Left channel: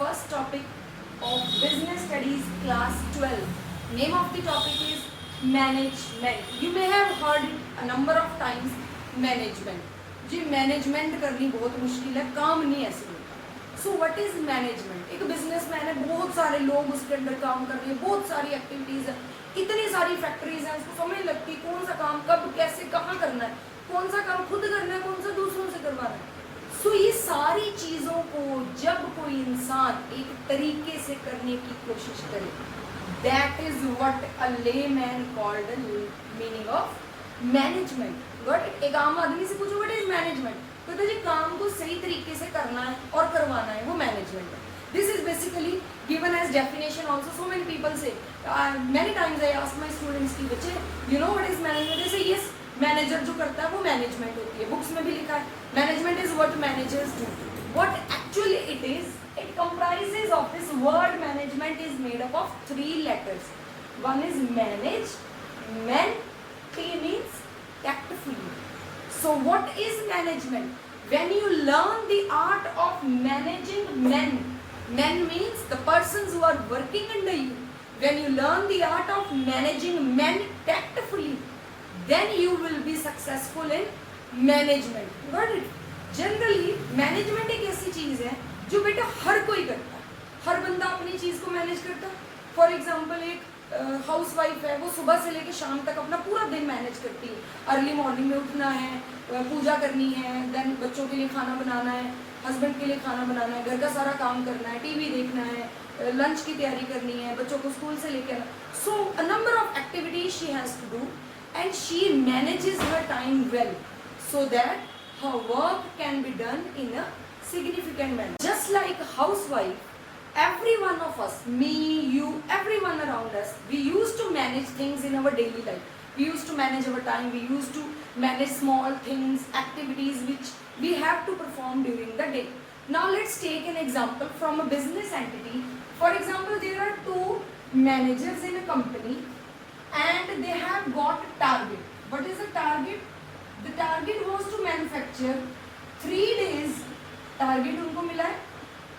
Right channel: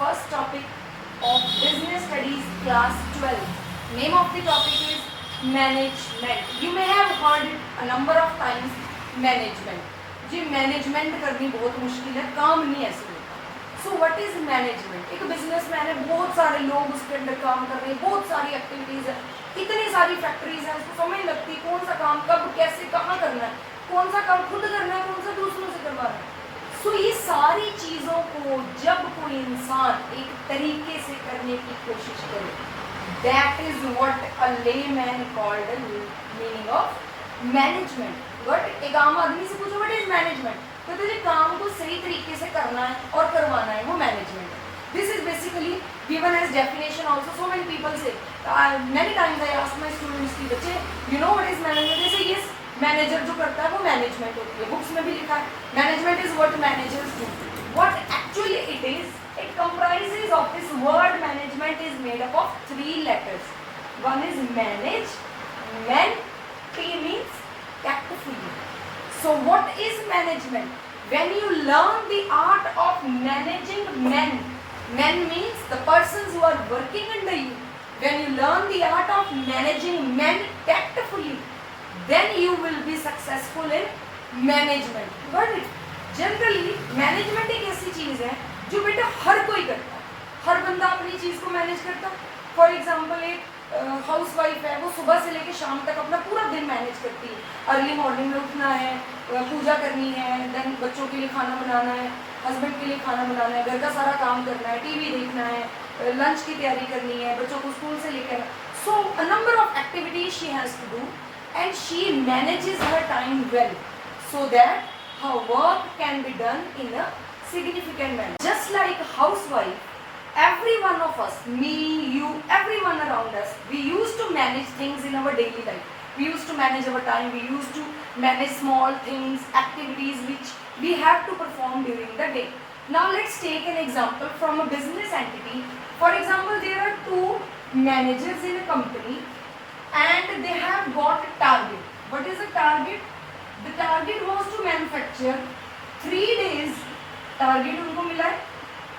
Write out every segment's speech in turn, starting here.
first topic of business studies class 12. Name of the topic is management. You may have heard it a number of times, management. जी management करनी बहुत मुश्किल है, काम नहीं ऐसे होता. So what is management? एक बिजनेसमैन है, बहुत सारे लोग उसके अंडर काम कर रहे हैं, बहुत सारी एक्टिविटीज है, इतनी सारी फैक्ट्रीज हैं, उसको समझ लगती कौन सा काम कब कैसे कहाँ करना है, कौन सा काम खुद करना है, कौन सा दूसरों से करवाना है. सो ये सारी चीज़ों को जब कोई इंसान एक तरीके से करने की कोशिश करे, that is what a layman called the meaning of management. But एक आम आदमी से पूछो व्हाट इज मैनेजमेंट, तो तुझे काम को सही तरीके से करना है और करवाना है, वो मैनेजमेंट है. This is basically given as definition also. So many people say, many times I ask my students कि बच्चे you know what is management? They say yes, manager जो करता है वो मैनेजमेंट होती है. बुक्स में भी लिखा है management is what managers do. What actually it is, it comprises of this word management is made up of 3 letters. One is manage, men, T means tactfully. So what is management? When you learn the art of managing men, men means the persons who are working under you. When you learn the art of managing men tactfully, then you will be successful in management. Got it? Generally management एक ऐसी चीज है जो बेटा हर कोई करता है, हर बंदा अपनी चीज को मैनेज करता है. फॉर एग्जाम्पल एक हाउस वाइफ है, वो सुबह से लेकर शाम तक अपना पूरा दिन मैनेज करती है. अर्ली मॉर्निंग में उठना है, पूजा करनी है, देन बच्चों के लिए खाना बनाना है, हस्बैंड के लिए खाना बनाना है, घर का सारा काम करना है, टीवी देखना है, लंच की तैयारी करनी है, बच्चों को स्कूल से लेकर. So a number of activities she has to do and she manages her time well so that her work can be done in a significant manner. Just like housewife, every one of us, me, you, everyone around us, we used to manage things in our daily life. We used to manage our time, we used to manage small things, activities which we have to perform during the day. Now let's take an example from a business entity. For example, there are 2 managers in a company and they have got a target. What is the target? The target was to manufacture 3 days. Target उनको मिला है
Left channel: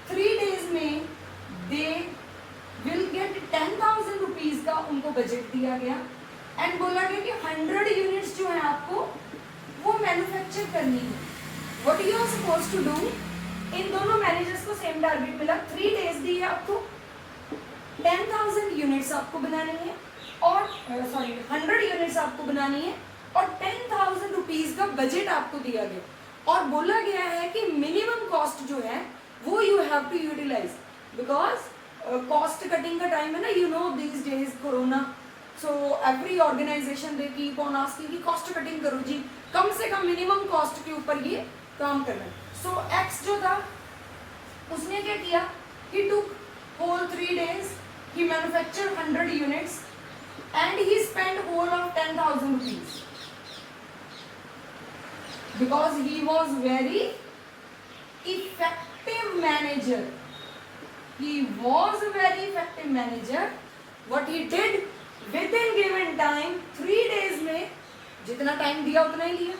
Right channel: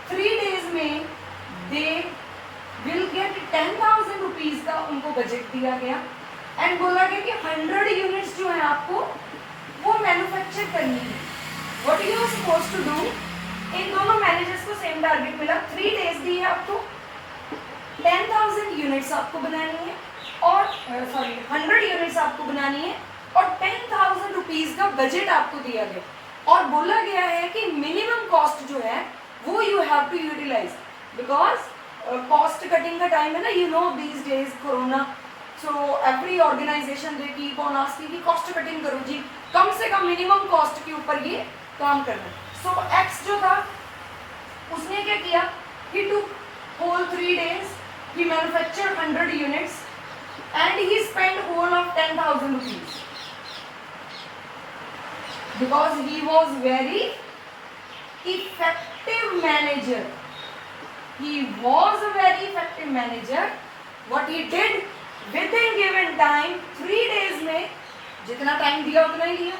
3 days में they will get 10,000 rupees का उनको budget दिया गया and बोला गया कि 100 यूनिट्स जो है आपको वो मैन्युफैक्चर करनी है. What you are supposed to do? इन दोनों मैनेजर्स को सेम टारगेट मिला, 3 days दी है आपको, 10,000 यूनिट्स आपको बनानी है और 100 यूनिट्स आपको बनानी है और 10,000 रुपीज का बजट आपको दिया गया और बोला गया है कि मिनिमम कॉस्ट जो है वो you have to utilize because cost cutting का टाइम है ना. You know these days corona, so every organization they keep on asking कि कॉस्ट कटिंग करो जी, कम से कम मिनिमम कॉस्ट के ऊपर ये काम करना. सो एक्स जो था उसने क्या किया, ही टुक whole 3 days, he manufactured 100 units and he spent whole of 10,000 rupees because he was very effective manager. He was a very effective manager. What he did within given time, 3 days में जितना time दिया उतना ही लिया.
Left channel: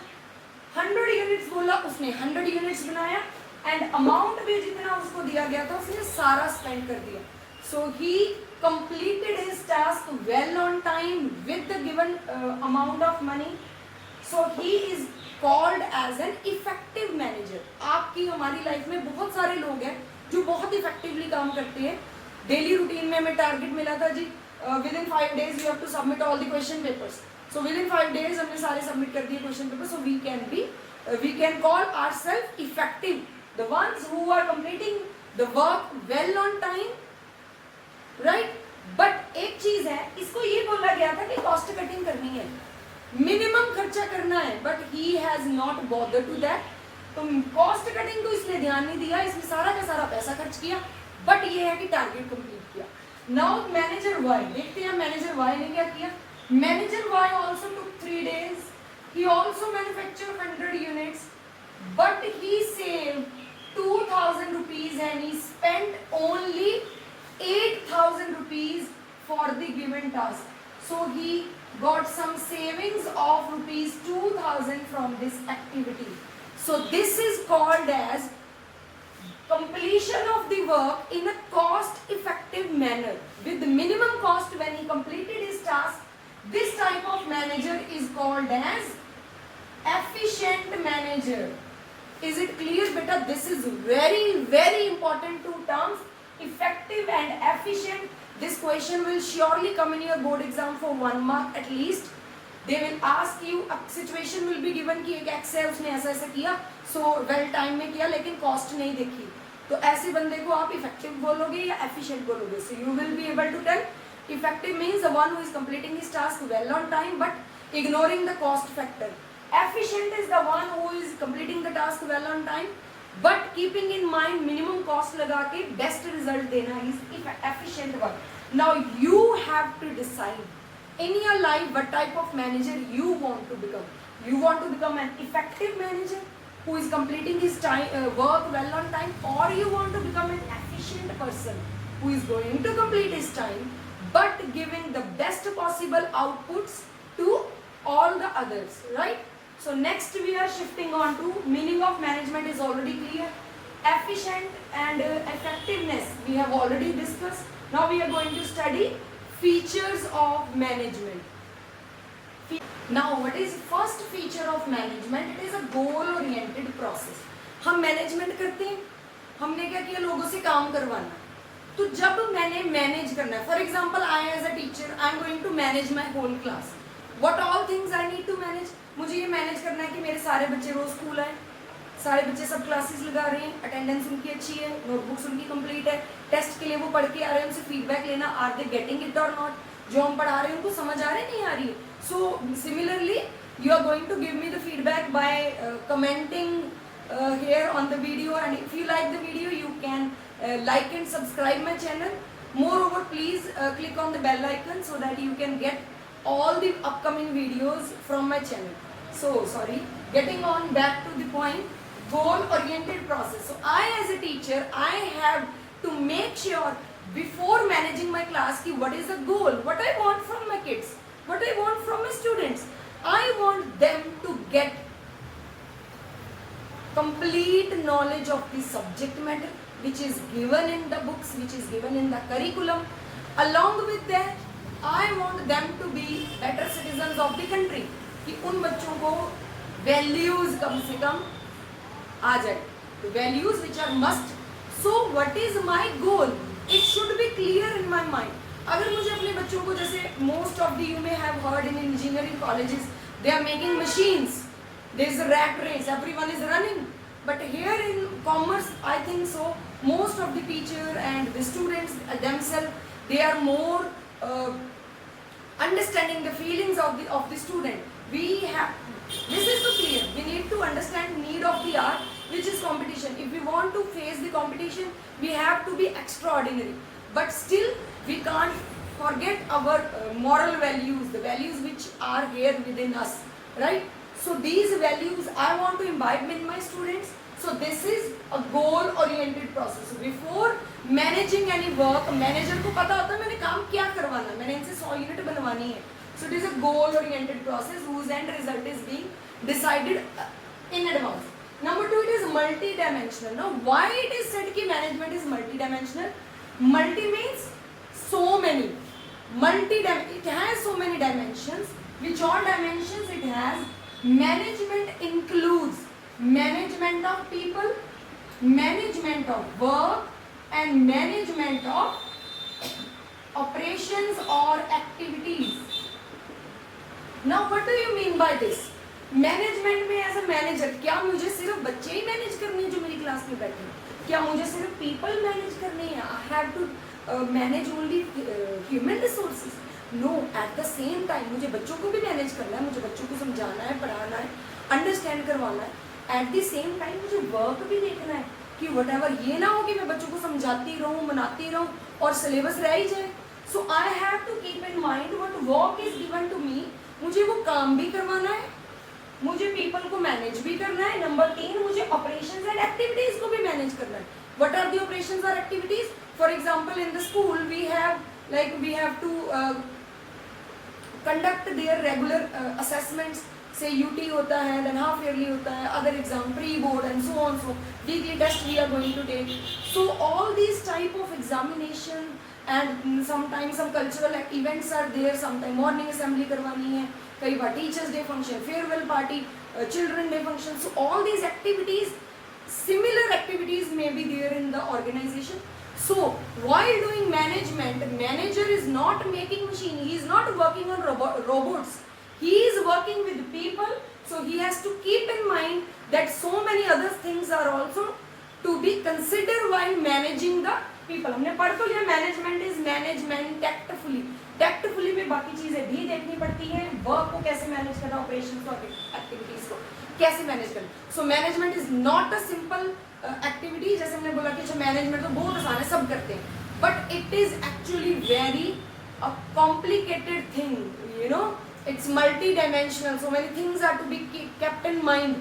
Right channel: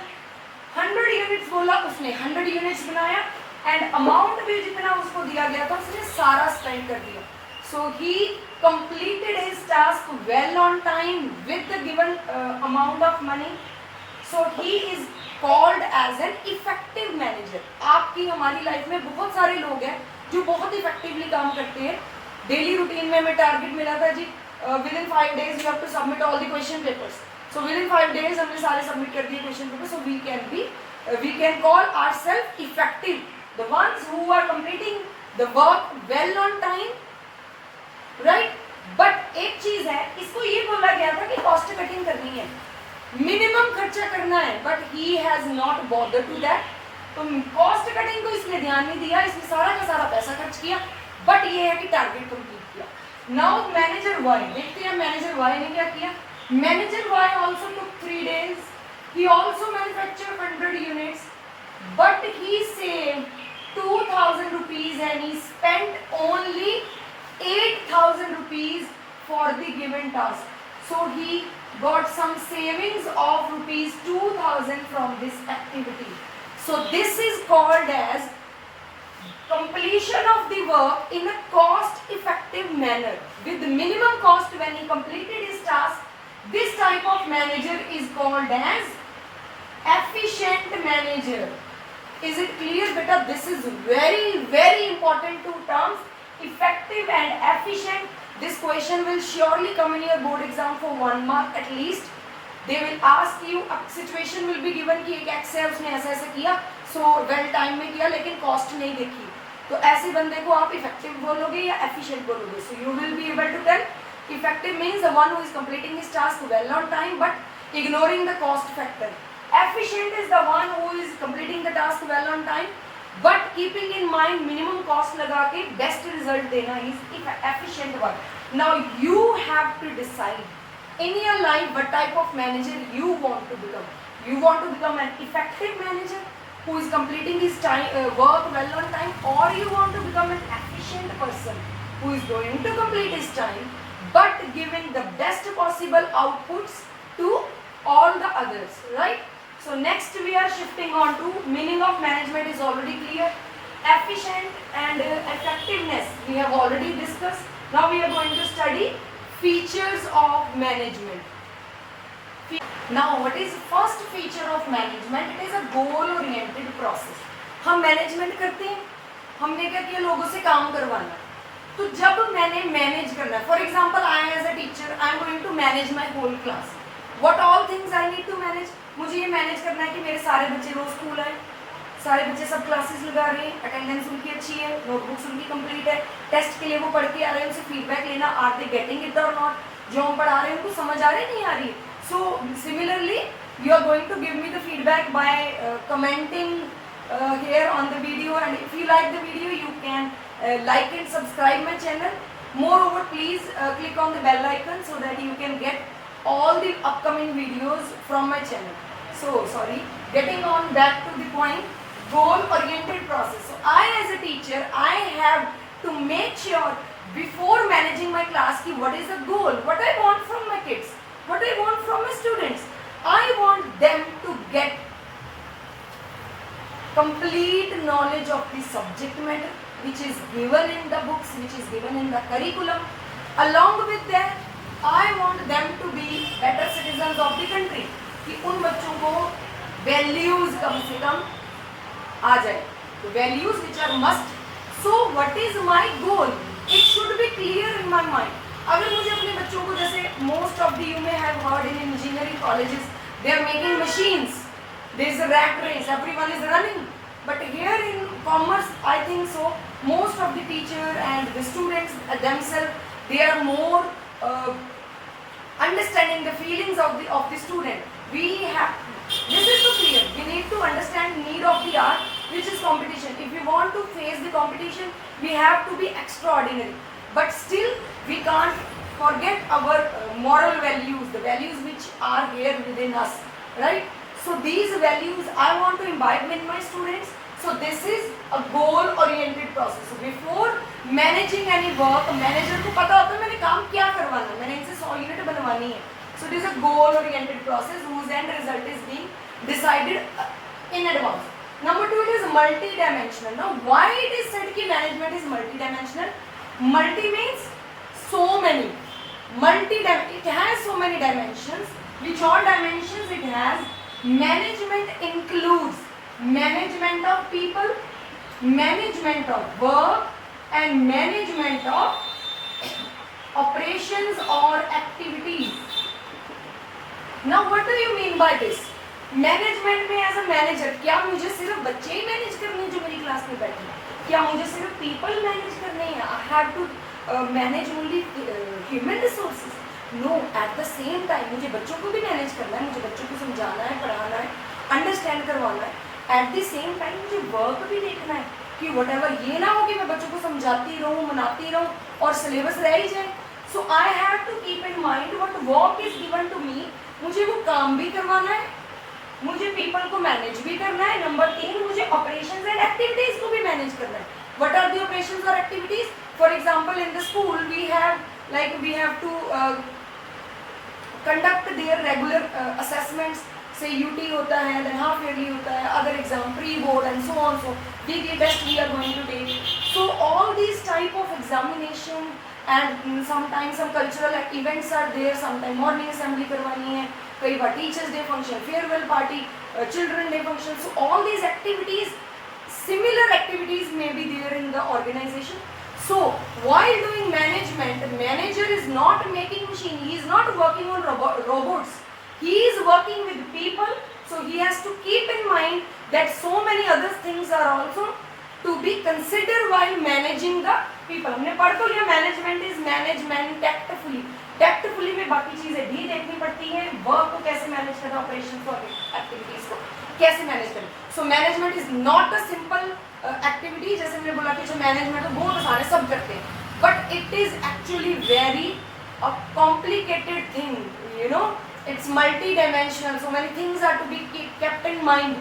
100 units बोला, उसने 100 units बनाया and amount भी जितना उसको दिया गया था उसने सारा स्पेंड कर दिया. So he completed his task well on time with the given amount of money. So he is called as an effective manager. आपकी हमारी लाइफ में बहुत सारे लोग हैं जो बहुत इफेक्टिवली काम करते हैं. डेली रूटीन में हमें टारगेट मिला था जी within 5 days you have to submit all the question papers. So within 5 days हमने सारे सबमिट कर दिए question paper. So we can call ourself effective, the ones who are completing the work well on time, right. But एक चीज है, इसको ये बोला गया था कि कॉस्ट कटिंग करनी है, मिनिमम खर्चा करना है, but he has not bother to that. तो कॉस्ट कटिंग को इसने ध्यान नहीं दिया, इसने सारा का सारा पैसा खर्च किया, बट ये है कि टारगेट कंप्लीट किया. नाउ मैनेजर वाई, देखते हैं मैनेजर वाई ने क्या किया. Manager Y also took 3 days, he also manufacture 100 units, but he saved 2,000 rupees and he spent only 8,000 rupees for the given task. So he got some savings of rupees 2,000 from this activity. So this is called as completion of the work in a cost effective manner with minimum cost when he completed his task. This type of manager is called as efficient manager. Is it clear beta? This is very important two terms, effective and efficient. This question will surely come in your board exam for 1 mark at least. They will ask you, situation will be given कि एक x है उसने ऐसा ऐसा किया, so well time में किया लेकिन cost नहीं देखी, तो ऐसे बंदे को आप effective बोलोगे या efficient बोलोगे? So you will be able to tell effective means the one who is completing his task well on time but ignoring the cost factor. Efficient is the one who is completing the task well on time but keeping in mind minimum cost लगा के best result देना is efficient one. Now you have to decide in your life what type of manager you want to become. You want to become an effective manager who is completing his work well on time, or you want to become an efficient person who is going to complete his time but giving the best possible outputs to all the others, right? So next we are shifting on to meaning of management is already clear. Efficient and effectiveness we have already discussed. Now we are going to study features of management. Now what is first feature of management? It is a goal oriented process. हम management करते हैं, हमने क्या किया, लोगों से काम करवाना. तो जब मैंने मैनेज करना है, for example I as a teacher I am going to manage my whole class. What all things I need to manage? मुझे ये मैनेज करना है कि मेरे सारे बच्चे रोज स्कूल आए, सारे बच्चे सब क्लासेस लगा रहे हैं, अटेंडेंस उनकी अच्छी है, नोटबुक्स उनकी कंप्लीट है, टेस्ट के लिए वो पढ़ के आ रहे हैं, उनसे फीडबैक लेना, आर दे गेटिंग इट और नॉट, जो हम पढ़ा रहे हैं उनको समझ आ रही नहीं आ रही. So similarly you are going to give me the feedback by commenting here on the video, and if you like the video you can like and subscribe my channel. Moreover, please click on the bell icon so that you can get all the upcoming videos from my channel. So sorry, getting on back to the point, goal oriented process. So I as a teacher, I have to make sure before managing my class ki what is the goal, what I want from my kids, what I want from my students. I want them to get complete knowledge of the subject matter which is given in the books, which is given in the curriculum. Along with that, I want them to be better citizens of the country. कि उन बच्चों को values कम से कम आ जाए. तो values which are must. So what is my goal? It should be clear in my mind. अगर मुझे अपने बच्चों को, जैसे most of the you may have heard in engineering colleges, they are making machines. There is a rat race, everyone is running. But here in commerce, I think so, most of the teacher and the students themselves, they are more understanding the feelings of the student. We have, this is so clear, we need to understand need of the art, which is competition. If we want to face the competition, we have to be extraordinary. But still, we can't forget our moral values, the values which are here within us, right? So these values I want to imbibe in my students. So this is a goal oriented process. So before managing any work, manager को पता होता है मैंने काम क्या करवाना है, मैंने इनसे 100 यूनिट बनवानी है. So it is a goal oriented process whose end result is being decided in advance. Number 2, it is multi-dimensional. Now why it is said कि management is multi-dimensional? Multi means so many. It has so many dimensions. Which all dimensions it has? Management includes management of people, management of work, and management of operations or activities. Now what do you mean by this? Management में as a manager, क्या मुझे सिर्फ बच्चे ही manage करने हैं जो मेरी class में बैठे हैं? क्या मुझे सिर्फ people मैनेज करने हैं? I have to manage only human resources. No, at the same time मुझे बच्चों को भी मैनेज करना है, मुझे बच्चों को समझाना है, पढ़ाना है, अंडरस्टैंड करवाना है. एट द सेम टाइम मुझे वर्क भी देखना है कि वटेवर ये ना हो कि मैं बच्चों को समझाती रहूँ, मनाती रहूँ और सिलेबस रह ही जाए. So I have to keep in mind what work is given to me. मुझे वो काम भी करवाना है, मुझे पीपल को मैनेज भी करना है. नंबर 3, मुझे ऑपरेशंस एंड एक्टिविटीज को भी मैनेज करना है. व्हाट आर द ऑपरेशंस और activities? For example in the school we have to conduct their regular assessments. से यूटी होता है, देन हाफ ईयरली होता है, other exam, pre board and so on, so weekly test we are going to take. So all these type of examination and sometime some cultural events are there, sometime morning assembly करवानी है, कई बार teachers day function, farewell party, children day function. So all these activities, similar activities may be there in the organization. So while doing management, manager is not making machine, he is not working on robots, he is working with people. So he has to keep in mind that so many other things are also to be considered while managing the people. हमने पढ़ तो लिया management is management tactfully. Tactfully में बाकी चीजें भी देखनी पड़ती हैं, वर्क को कैसे मैनेज करना, ऑपरेशन और एक्टिविटीज को कैसे मैनेज करना. So management is not a simple activity. जैसे हमने बोला कि मैनेजमेंट तो बहुत आसान है, सब करते हैं, but it is actually very complicated thing, you know, it's multi dimensional, so many things are to be kept in mind.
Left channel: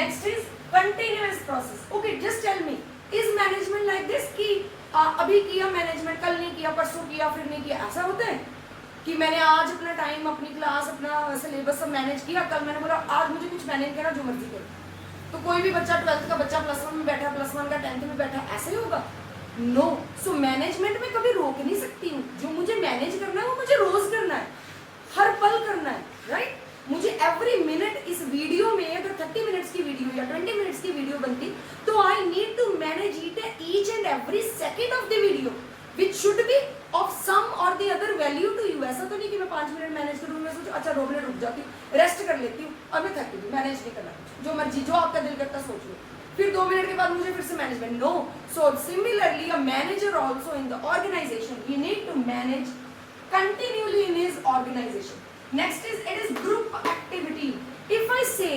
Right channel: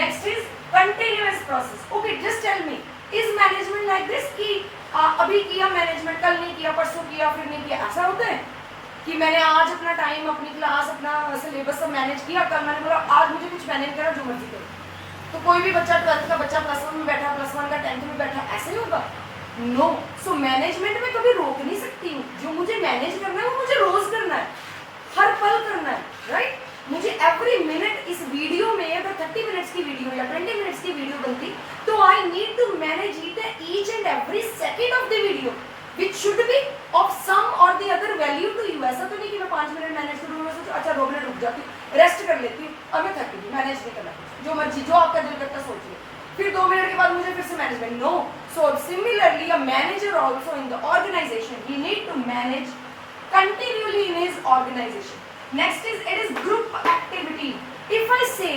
Next is continuous process. Okay, just tell me, is management like this कि अभी किया management, कल नहीं किया, परसों किया, फिर नहीं किया, ऐसा होता है कि मैंने आज अपना टाइम, अपनी क्लास, अपना सिलेबस सब मैनेज किया, कल मैंने बोला आज मुझे कुछ मैनेज करा, जो मर्जी करो. तो कोई भी बच्चा 12th का बच्चा +1 में बैठा, +1 का 10th में बैठा, ऐसे ही होगा? नो. सो मैनेजमेंट में कभी रोक नहीं सकती हूँ. जो मुझे मैनेज करना है वो मुझे रोज करना है, हर पल करना है, राइट? मुझे एवरी मिनट इस वीडियो में, अगर 30 मिनट्स की वीडियो या 20 मिनट्स की वीडियो बनती, तो I need to manage it each and every second of the video which should be of some or the other value to you. ऐसा तो नहीं कि मैं 5 मिनट मैनेज करूँ, मैं सोचूं अच्छा 2 मिनट रुक जाती हूँ, रेस्ट कर लेती हूँ, और मैं थक गई, मैनेज नहीं करना, जो मर्जी, जो आपका दिल करता सोचिए, फिर 2 मिनट के बाद मुझे फिर से management. No. So similarly a manager also in the organization, he need to manage continually in his organization. Next is, it is group activity. If I say,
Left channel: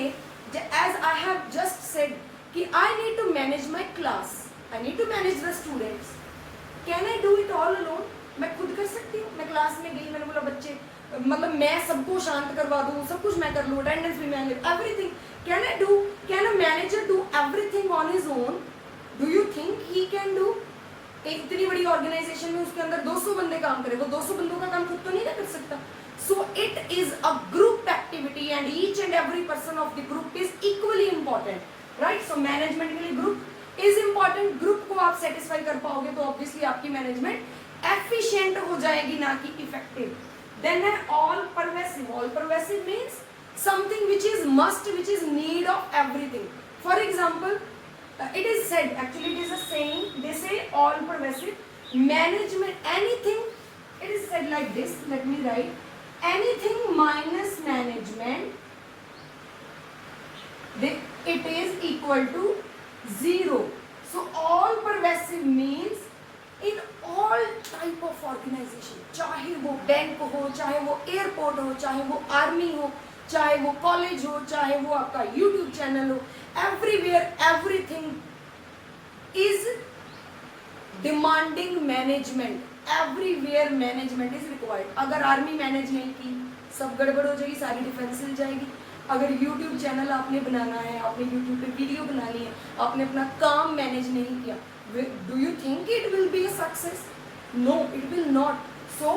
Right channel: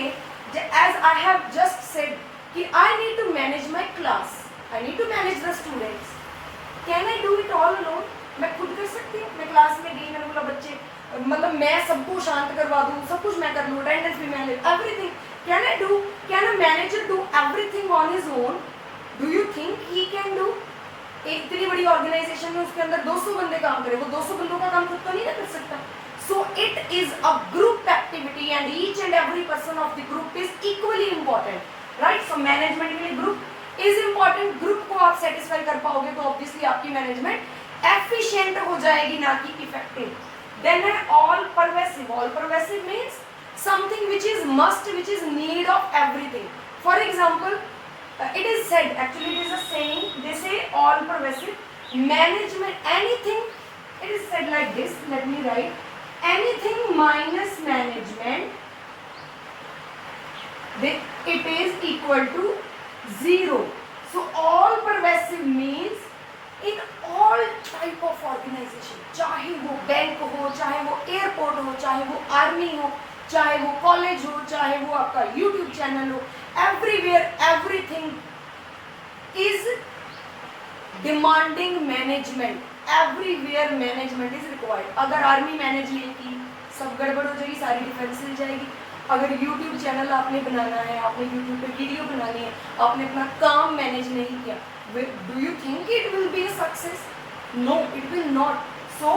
as I have just said, कि I need to manage my class, I need to manage the students. Can I do it all alone? मैं खुद कर सकती हूँ. मैं class में गई, मैंने बोला बच्चे, मतलब मैं सबको शांत करवा दूँ, सब कुछ मैं कर लूँ, अटेंडेंस भी manage, everything. Can I do? Can a manager do everything on his own? Do you think he can do? एक इतनी बड़ी ऑर्गेनाइजेशन में उसके अंदर 200 बंदे काम करें, वो 200 बंदों का काम खुद तो नहीं कर सकता. So it is a group activity and each and every person of the group is equally important, right? So management के लिए group इज इम्पॉर्टेंट. ग्रुप को आप सेटिस्फाई कर पाओगे तो ऑब्वियसली आपकी मैनेजमेंट एफिशिएंट हो जाएगी, ना कि इफेक्टिव. देन है all pervasive. All pervasive means something which is must, which is need of everything. For example, it is said, actually it is a saying, they say all pervasive management, anything, it is said like this, let me write, anything minus management, it is equal to 0. So all pervasive means in all type of organization, चाहे वो bank हो, चाहे वो airport हो, चाहे वो army हो, चाहे वो कॉलेज हो, चाहे वो आपका यूट्यूब चैनल हो, everywhere everything is demanding management. Everywhere management is required. अगर आर्मी मैनेज नहीं की, सब गड़बड़ हो जाएगी, सारी डिफेंस हिल जाएगी. अगर यूट्यूब चैनल आपने बनाना है, आपने यूट्यूब पे वीडियो बनानी है, आपने अपना काम मैनेज नहीं किया, do you think it will be a success? No, it will not. So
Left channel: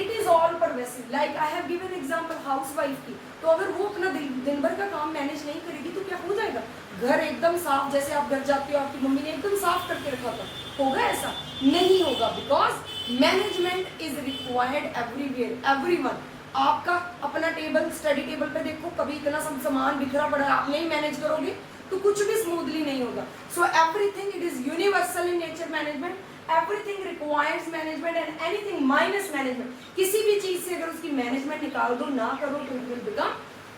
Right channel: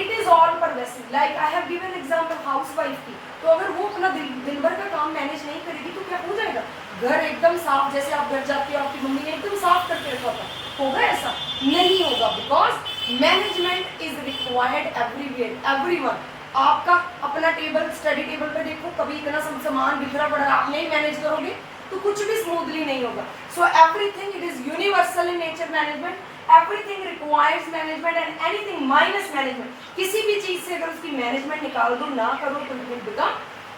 it is all pervasive. Like I have given example housewife की, तो अगर वो अपना दिन भर का काम मैनेज नहीं करेगी तो क्या हो जाएगा? घर एकदम साफ, जैसे आप घर जाते हो आपकी मम्मी ने एकदम साफ करके रखा होगा ऐसा नहीं होगा. Because management is required everywhere, everyone. आपका अपना टेबल, स्टडी टेबल पे देखो, कभी इतना सब सामान बिखरा पड़ा है, आप नहीं मैनेज करोगे तो कुछ भी स्मूथली नहीं होगा. So everything it is universal in nature. Management, everything requires management and anything minus management, किसी भी चीज से अगर उसकी मैनेजमेंट निकाल दो, ना करो, तो it will become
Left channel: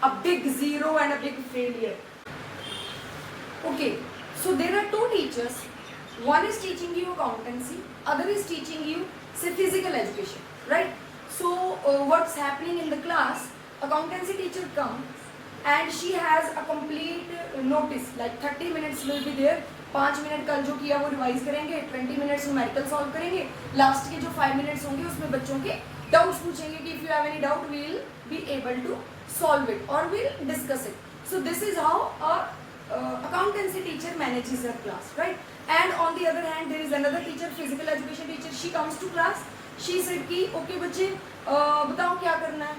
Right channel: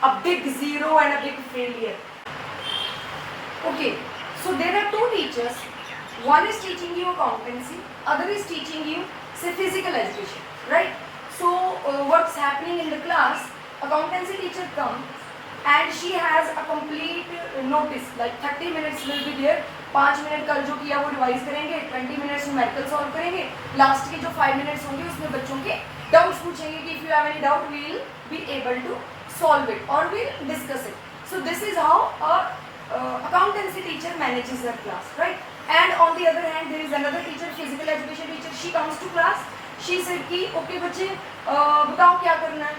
a big zero and a big failure. Okay, so there are 2 teachers. One is teaching you accountancy, other is teaching you say physical education, right? So what's happening in the class, accountancy teacher comes and she has a complete notice, like 30 minutes will be there. 5 minute कल जो किया वो revise करेंगे, 20 minutes numerical solve करेंगे, last के जो 5 minutes होंगे उसमें बच्चों के डाउट्स पूछेंगे कि if you have any doubt we will be able to solve it और will discuss it. So this is how a accountancy teacher manages her class, right? And on the other hand there is another teacher, physical education teacher. She comes to class, she said कि okay बच्चे बताओ क्या करना है.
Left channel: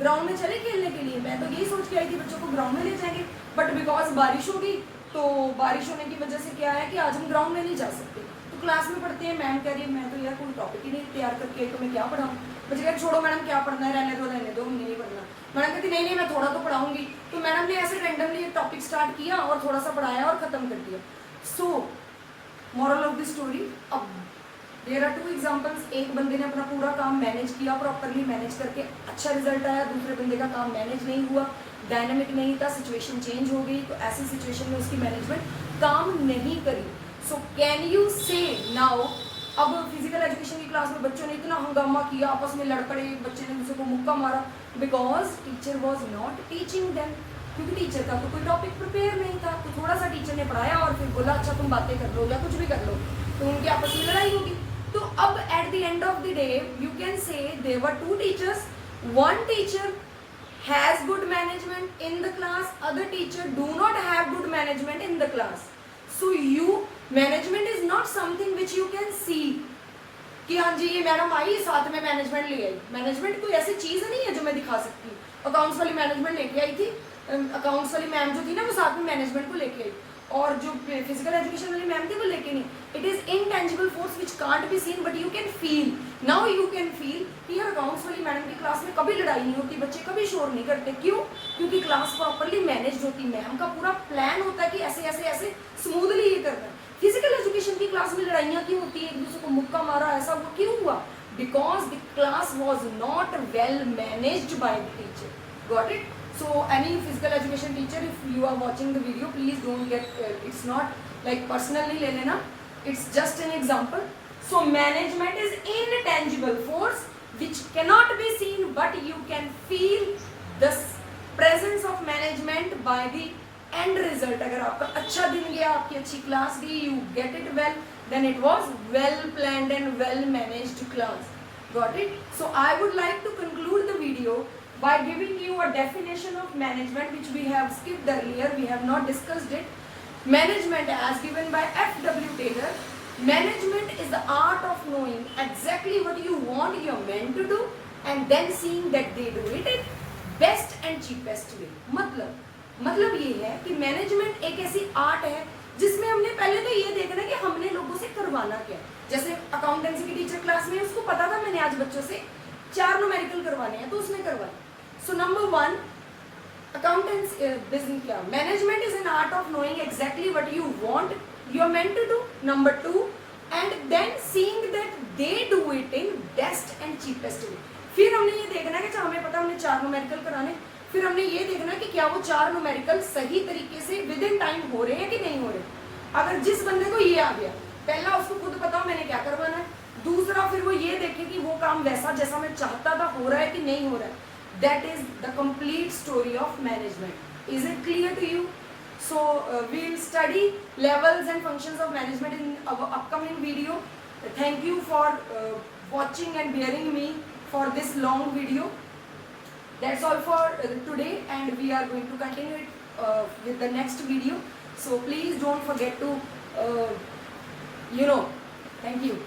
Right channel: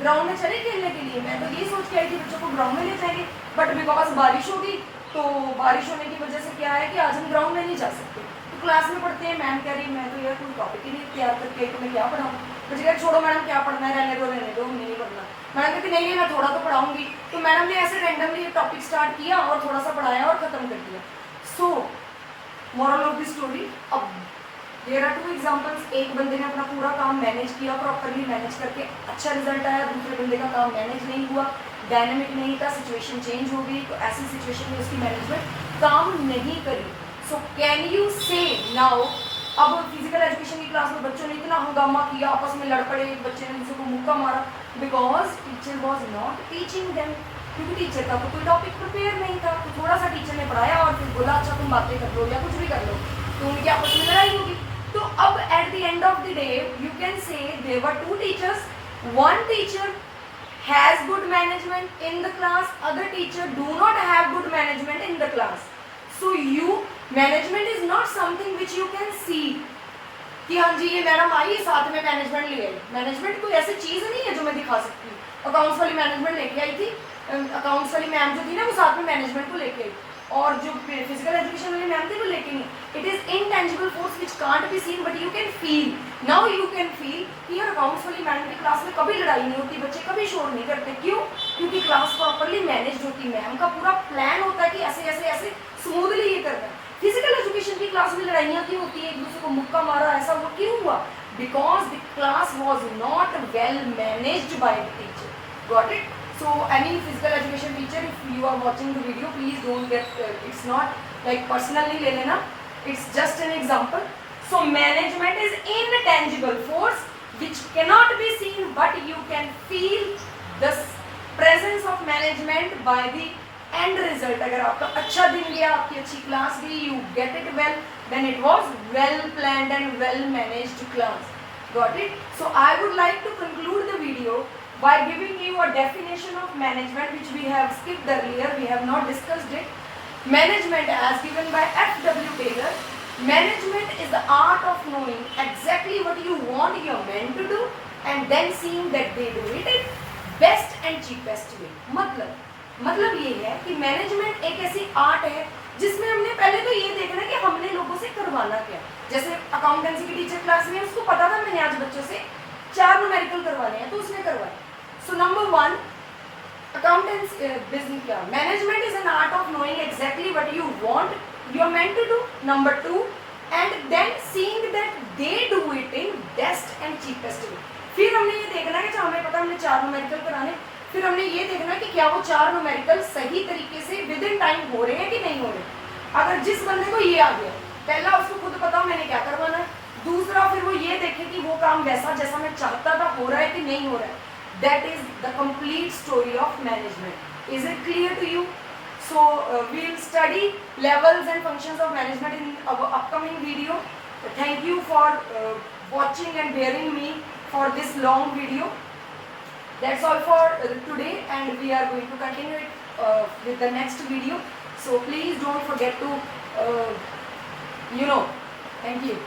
Ground में चले खेलने के लिए, मैं तो यही सोच के आई थी बच्चों को ग्राउंड में ले जाएंगे, बट बिकॉज बारिश हो गई, तो बारिश होने की वजह से क्या है कि आज हम ग्राउंड में नहीं जा सकते। तो क्लास में पढ़ते हैं, मैम कह रही मैं तो यार कोई टॉपिक ही नहीं तैयार करके तो मैं क्या पढ़ाऊँ। बच्चे कह छोड़ो मैडम क्या पढ़ना है, रहने दो हमने नहीं पढ़ना। मैडम कहती नहीं मैं थोड़ा तो पढ़ाऊंगी। तो मैडम ने ऐसे रैंडमली एक टॉपिक स्टार्ट किया और थोड़ा सा पढ़ाया और खत्म कर दिया। So moral of the story, अब देयर आर 2 एग्जांपल्स। एक बंदे ने अपना पूरा काम मैनेज किया, प्रॉपरली मैनेज करके अच्छा रिजल्ट आया, दूसरे बंदे का काम मैनेज नहीं हुआ, डायनेमिक नहीं था, सिचुएशन चेंज हो गई, तो ऐसी सिचुएशन में उसकी मैनेजमेंट काम नहीं करी। सो कैन यू से नाउ, अब फिजिकल एजुकेशन की क्लास में बच्चों ने इतना हंगामा किया, आपस में लड़ पड़े, एक बच्चे ने दूसरे को मुक्का मारा, because teacher was not teaching them, क्योंकि टीचर का तो कोई टॉपिक प्रिपेयर नहीं था। तो थोड़ा सा टीचर ने पढ़ाया और फिर बोला अच्छा तुम बातें कर लो या कुछ भी कर लो, तो उनकी आपस में लड़ाई होगी। तो अब at the end of the day you can say there were 2 teachers, one teacher has good management in the class, other teacher do not have good management in the class. So you, management is not something which you can see कि हाँ जी ये madam आई साथ में management ले आई। Management कोई ऐसी चीज़ नहीं है जो मैं दिखा सकती हूँ। अकाउंट्स वाली मैनेजमेंट लेके आई थी, अकाउंट्स वाली मैम जो थी ना वो साथ में मैनेजमेंट को लेके आई, और जो फिजिकल एजुकेशन वाली मैम थी वो लेके नहीं। It is intangible force which can't be seen but you can feel. Now you can feel कि यार अकाउंट्स वाली मैडम की क्लास में कभी लड़ाई नहीं होती, बच्चे कभी शोर नहीं करते। क्यों? क्योंकि क्लास प्रॉपरली मैनेज होती, मैम का पूरा प्लान होता है कि ऐसे ऐसे ऐसे स्मूथली ये करना है। फिजिकल एजुकेशन की क्लास में लड़ाइयाँ क्यों होती है, एक दूसरे को मुक्का मारा, ऐसा वो क्यों हुआ? Because the class was not well managed by the teacher. Got it? So any physical education teacher, if you are watching the video, please don't get it's not like personally le lena, it's just an example. So management is intangible force which cannot be seen, but you can feel the presence of management by the end result. अगर आपका अच्छा दिन गया, आपकी अच्छी class गई, you get it well, then it was well planned and well managed class. Got it? So I would like to conclude the video by giving you a definition of management which we have skipped earlier, we have not discussed it. Management as given by F.W. Taylor. Management is the art of knowing exactly what you want your men to do and then seeing that they do it in best and cheapest way. मतलब ये है कि management एक ऐसी art है जिसमें हमने पहले तो ये देखना कि हमने लोगों से करवाना क्या। जैसे अकाउंटेंसी की टीचर क्लास में उसको पता था मैंने आज बच्चों से 4 न्यूमेरिकल करवाने हैं, तो उसने करवाए। So number 1, accountants business क्या? Management is an art of knowing exactly what you want you're meant to do. Number 2, and then seeing that they do it in best and cheapest way. फिर हमने ये देखना कि हमें पता हमने 4 numerical कराने, फिर हमने ये देखना कि क्या वो 4 न्यूमेरिकल सही तरीके से विद इन टाइम हो रहे हैं कि नहीं हो रहे। अगर जिस बंदे को ये आ गया, पहला उसको खुद पता मैंने क्या करवाना है, दूसरा फिर वो ये देखे कि वो काम वैसा जैसा मैं चाहता था हो रहा है कि नहीं हो रहा है। That is the complete story of management. Is it clear to you? So we will study levels and functions of management in our upcoming video. Thank you for watching and bearing me for this long video. That's all for today, and we are going to continue it with the next video. So please don't forget to thank you.